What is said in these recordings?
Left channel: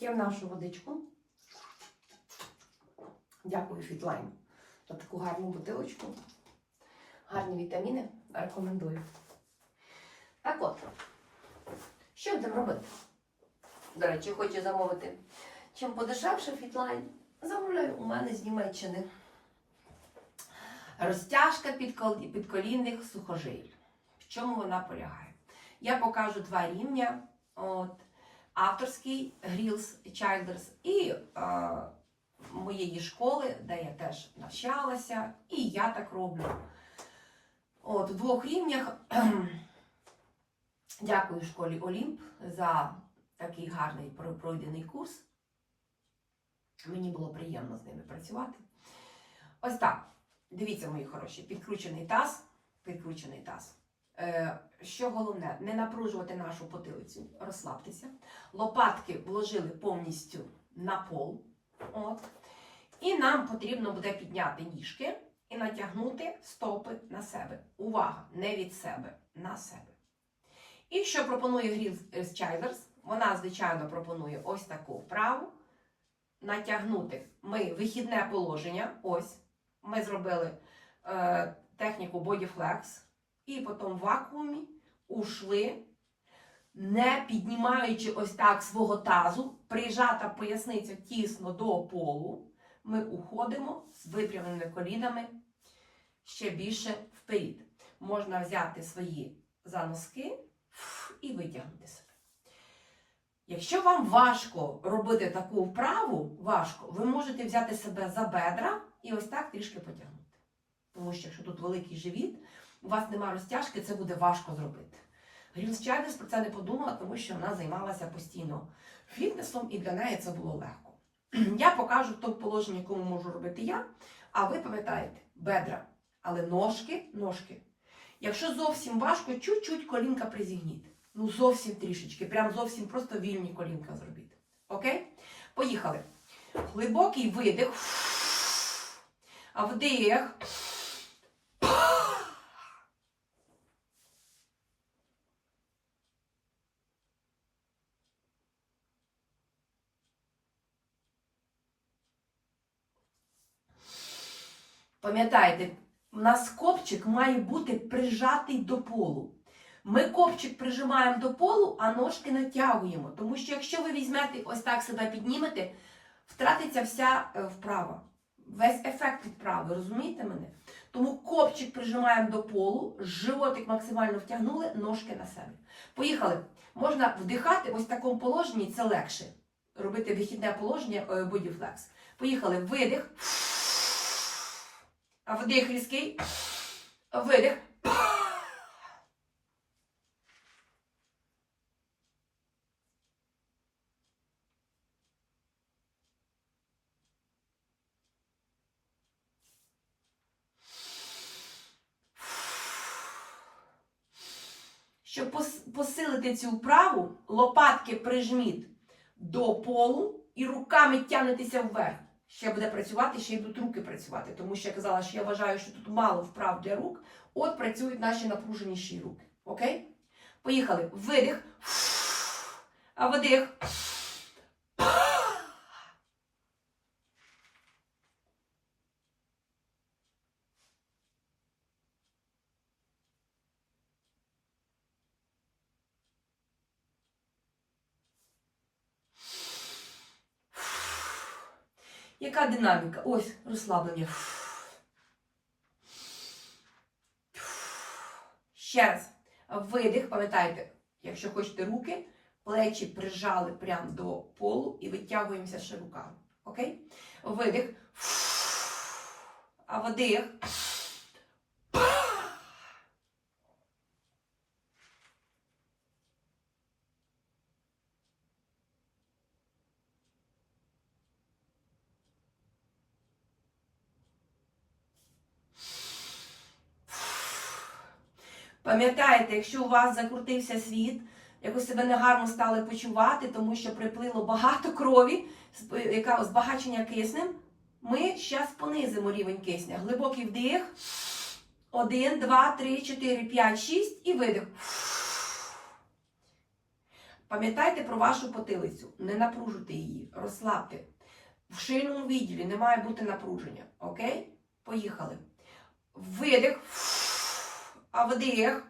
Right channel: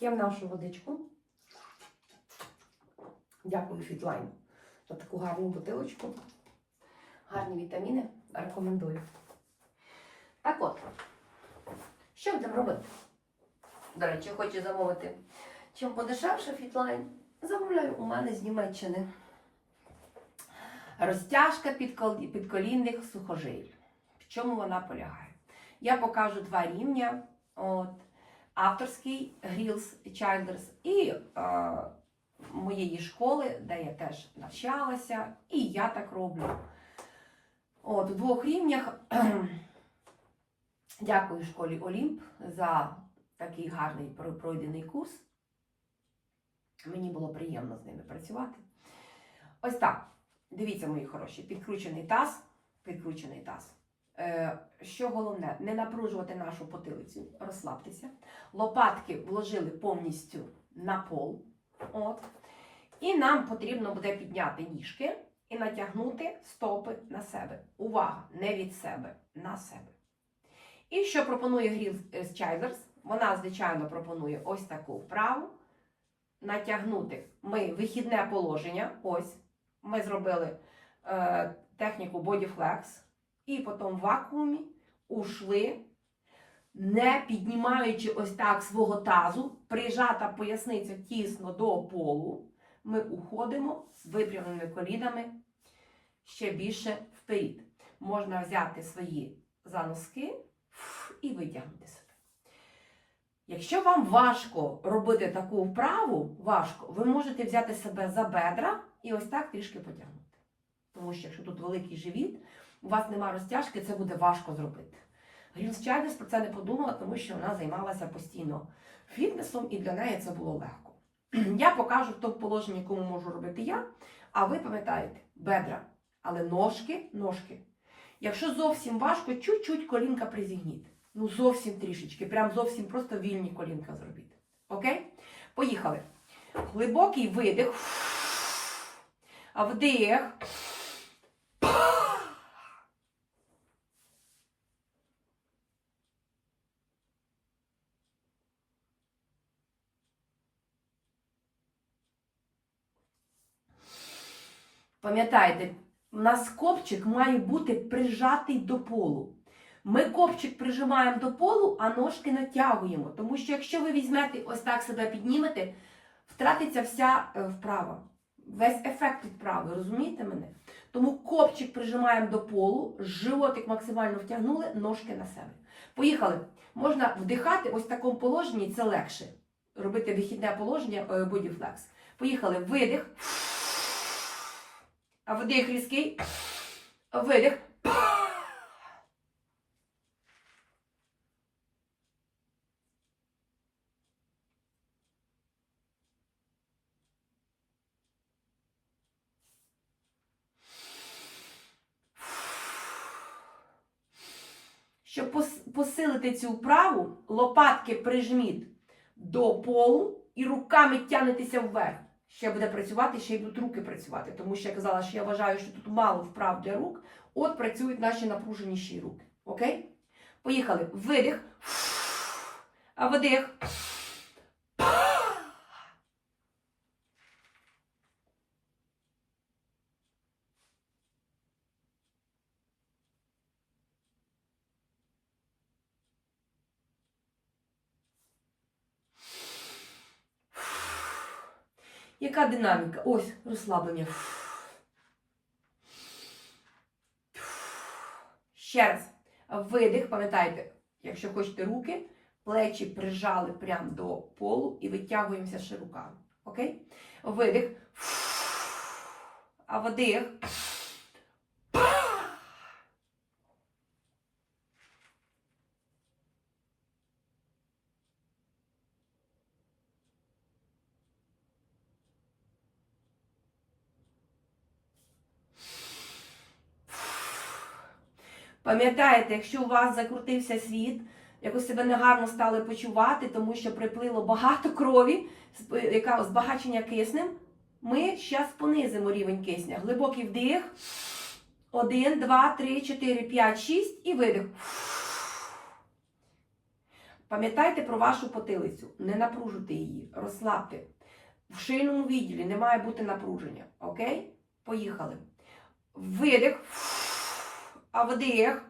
П'ємо нашу водичку. Дякую Фітлайн за таку гарну бутилочку. Гарні вітаміни. Рекомендую. Так от, що будемо робити? До речі, хочу замовити. Чим подешевше Фітлайн, замовляю у мене з Німеччини. Розтяжка підколінних сухожиль. В чому вона полягає? Я покажу два рівня. От, авторський Grills Childers і е, моєї школи, де я теж навчалася, і я так роблю. От, в двох рівнях. Дякую школі Олімп за такий гарний пройдений курс. Мені було приємно з ними працювати. Ось так. Дивіться, мої хороші, підкручений таз, підкручений таз. Е, що головне, не напружувати нашу потилицю, розслабтеся. Лопатки вложили повністю на пол. От. І нам потрібно буде підняти ніжки і натягнути стопи на себе. Увага! Не від себе, на себе. І що пропонує Grills Childers? Вона, звичайно, пропонує ось таку вправу. Натягнути ми вихідне положення. Ось. Ми зробили е, техніку Body Flex. І потім в вакуумі ушли, не піднімаючи ось так свого тазу, прижата поясниця тісно до полу. Ми уходимо з випрямленими колінами ще більше вперед. Можна взяти свої заноски і витягнути себе. Якщо вам важко робити таку вправу, важко, ви можете взяти себе за бедра і ось так трішки потягнути. Тому що якщо тут великий живіт, у вас нема розтяжки, це буде важко зробити. Грілс Чайлдес про це не подумала, тому що вона займалася постійно фітнесом і для неї це було легко. Я покажу в тому положенні, якому можу робити я, а ви пам'ятаєте, бедра, але ножки, ножки. Якщо зовсім важко, чуть-чуть колінка призігніть. Ну, зовсім трішечки, прям зовсім просто вільні колінка зробіть. Окей? Поїхали. Глибокий видих. А вдих. Пам'ятайте, у нас копчик має бути прижатий до полу. Ми копчик прижимаємо до полу, а ножки натягуємо. Тому що якщо ви візьмете ось так себе піднімете, втратиться вся е, вправа. Весь ефект від вправи, розумієте мене? Тому копчик прижимаємо до полу, животик максимально втягнули, ножки на себе. Поїхали. Можна вдихати ось в такому положенні, це легше. Робити вихідне положення е, body. Поїхали. Видих. Вдих різкий. Видих. Щоб посилити цю вправу, лопатки прижміть до полу і руками тягнетеся вверх. Ще буде працювати, ще й будуть руки працювати. Тому що я казала, що я вважаю, що тут мало вправ для рук. От працюють наші напруженіші руки. Окей? Поїхали. Видих. А вдих. Яка динаміка? Ось розслаблення. Ще раз. Видих, пам'ятайте, якщо хочете руки, плечі прижали прямо до полу і витягуємося ще руками. Окей? Видих. А вдих. Пам'ятаєте, якщо у вас закрутився світ, якось себе негарно стали почувати, тому що приплило багато крові, яка збагачення киснем, ми зараз понизимо рівень кисня. Глибокий вдих. Один, два, три, чотири, п'ять, шість і видих. Пам'ятайте про вашу потилицю, не напружуйте її, розслабте. В шийному відділі не має бути напруження. Окей? Поїхали. Видих. А вдих.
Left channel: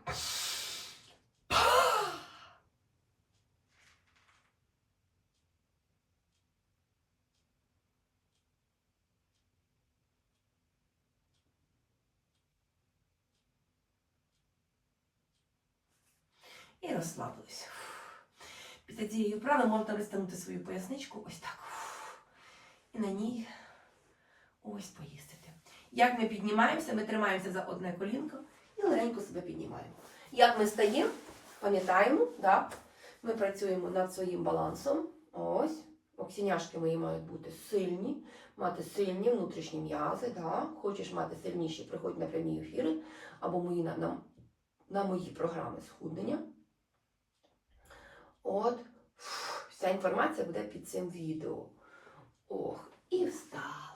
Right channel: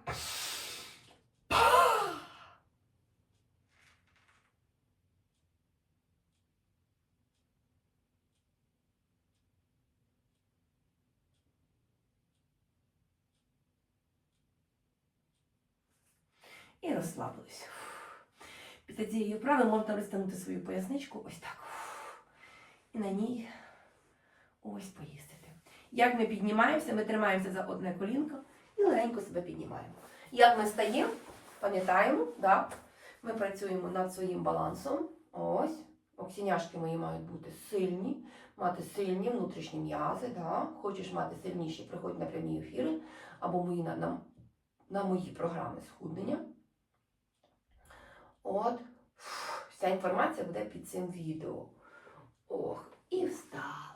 І розслабилися. Після цієї вправи можна розтягнути свою поясничку ось так. І на ній ось поїздити. Як ми піднімаємося, ми тримаємося за одне колінко і легенько себе піднімаємо. Як ми стаємо, пам'ятаємо, да? ми працюємо над своїм балансом. Ось. Оксіняшки мої мають бути сильні, мати сильні внутрішні м'язи. Да? Хочеш мати сильніші, приходь на прямі ефіри або мої, на, на, на мої програми схуднення. От, вся інформація буде під цим відео. Ох, і встав.